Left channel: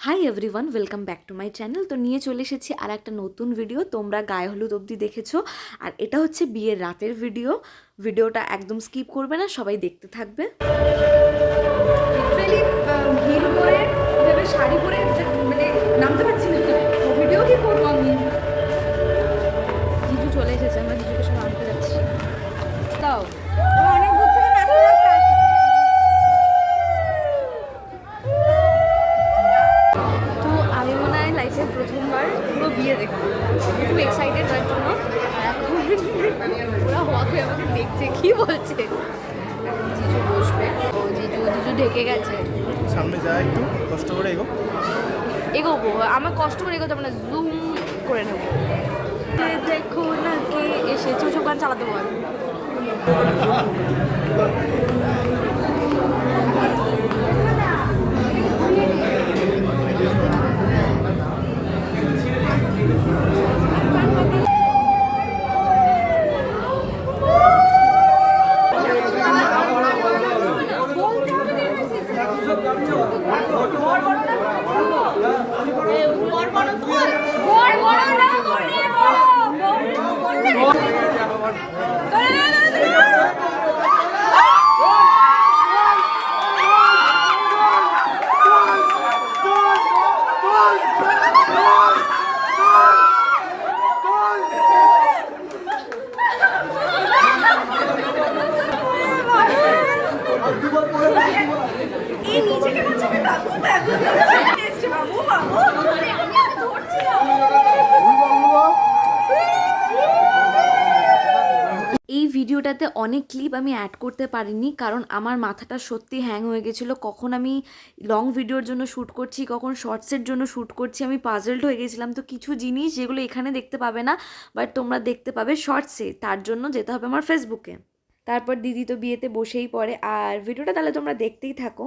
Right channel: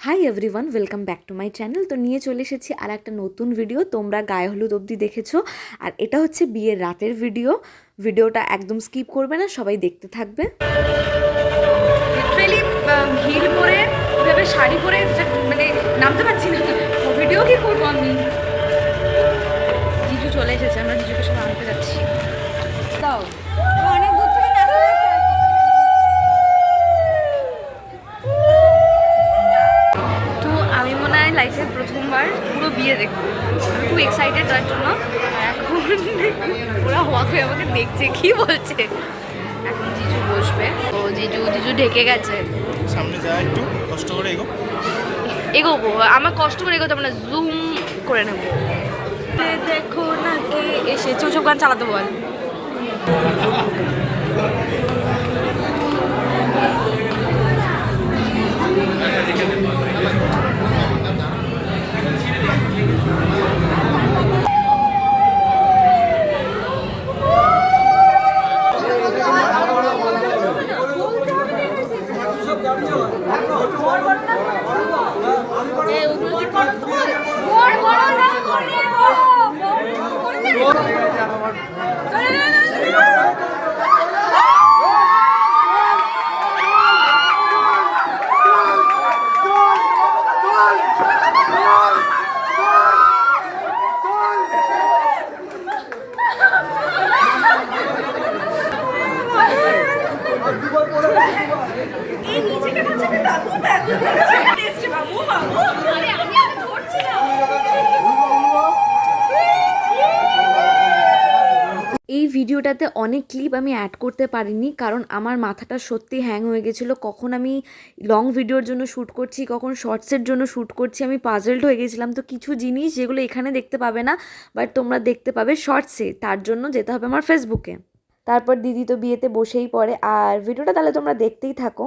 Hi everyone, welcome back to my channel. তো নিয়ে চলে এসেছি আর একটা নতুন ভিডিও। তোমরা গায়ে হলুদ অবধি দেখেছো, আর এটা হচ্ছে বিয়ের রাতের ভিডিওটা একদম স্কিপ করবে না, সবাই দেখতে থাকবে। লিটারেলি হিল পরে ওইভাবে শাড়ি পরে মানে নামতে পারছি না, ভিডিও কি করবো আমি। জিজু চলে এসেছে, আমরা জিজুকে সব আনতে যাচ্ছি। তাও অনেক দূর থেকে তো আমি মনে হয় লাইফে প্রথমবার পুরো বিয়ে দেখবো। আমি খুব এক্সাইটেড তার জন্য। এখন পুরো হওয়া হয়ে আমাকে দেখছে, কি বলছে। এখন জিজু বসবে, ও জিজু ঢেকে গেছে। সামনে যা, একটু কষ্ট করে এগোবো, আমার কষ্ট করে এগোতে হবে না, জুম করে নেব। দেখো না কে এসেছে, ওসব গান চালাতে বল। এই ভিডিওটাতে অনেক ক্লিপ আমি অ্যাড করতে পারিনি, কারণ আমার মাথাটা সত্যি হ্যাং হয়ে গেছিলো। কখন আমি লং ভিডিওর জন্য শ্যুট করছি, কখন শর্টসের জন্য শ্যুট করছি, আমি পাজলড হয়ে গেছিলাম। তো কিছু জিনিস যেগুলো এখানে দেখতে পাবে না, বাট তোমরা দেখতে পাবে শর্টসে, তার জন্য যেতে হবে আমার ফেসবুকে। তারপর দিদি তো বিয়েতে বসেই পড়ে, আর ভিডিওটা তাহলে তোমরা দেখতেই থাকো।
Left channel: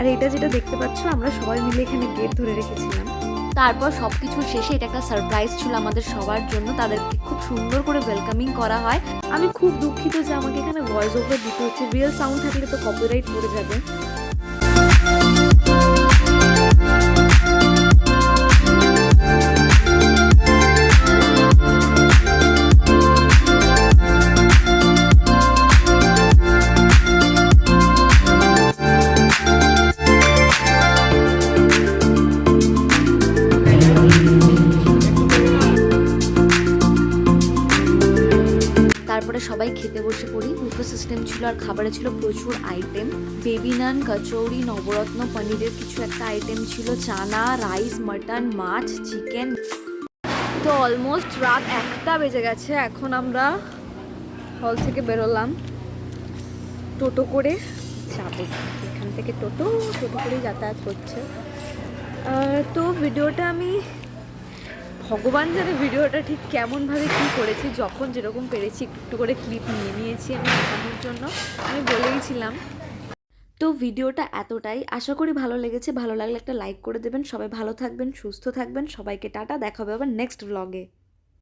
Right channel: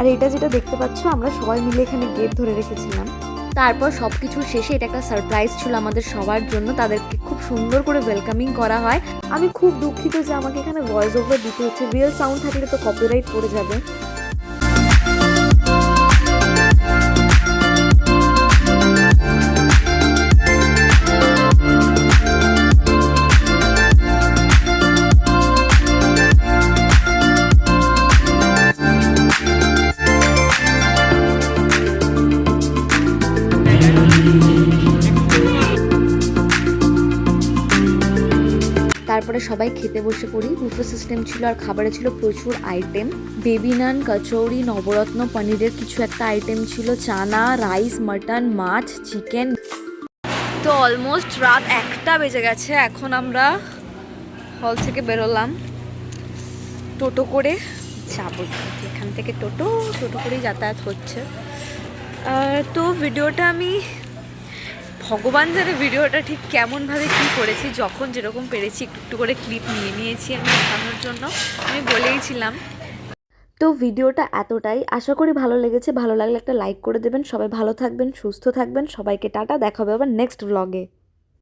আর এটা যেটা দেখতে পাচ্ছ, আমরা সবাই মিলে এখানে গেট ধরে রেখেছিলাম। তারপর সব কিছুর শেষে এটা একটা সারপ্রাইজ ছিল আমাদের সবার জন্য, তাদেরকে খুব সুন্দর করে ওয়েলকামিং করা হয়। আমি খুব দুঃখিত যে আমাকে এখানে ভয়েস ওভার দিতে হচ্ছে, রিয়েল সাউন্ড থাকলে তো কপিরাইট পড়ে যাবে। তারপরে সবাই খেতে বসে পড়ি। বুফে সিস্টেম ছিল আর খাবারে ছিল প্রচুর আইটেম, বেবি নান, কচৌরি, নবরত্ন পনিরের কিছু একটা আইটেম ছিল, চানা, রাইস, মাটন, মাছ, চিকেন। তো অলমোস্ট রাত 1টা বেজে গেছে। এখন আমরা হল থেকে বেরোলাম, টোটো করে যাবো। এখান থেকে টোটো করেই যাতায়াত হচ্ছে। তো ভিডিওটা আমি, ভগবান জানে ভিডিওটা ঠিক কেমনভাবে কী করেছি, যখন যেরকম পেরেছি একটু একটু করে ক্লিপ নিয়ে নিয়েছি আমি দেখানোর জন্য। আমি বলেইছিলাম। তো ভিডিওটা এতটাই, আশা করি ভালো লেগেছে। ভালো লাগলে একটা লাইক করে দেবেন। সবাই ভালো থাকবেন, সুস্থ থাকবেন। সবাইকে টাটা, দেখা হবে আবার নেক্সট ব্লগে।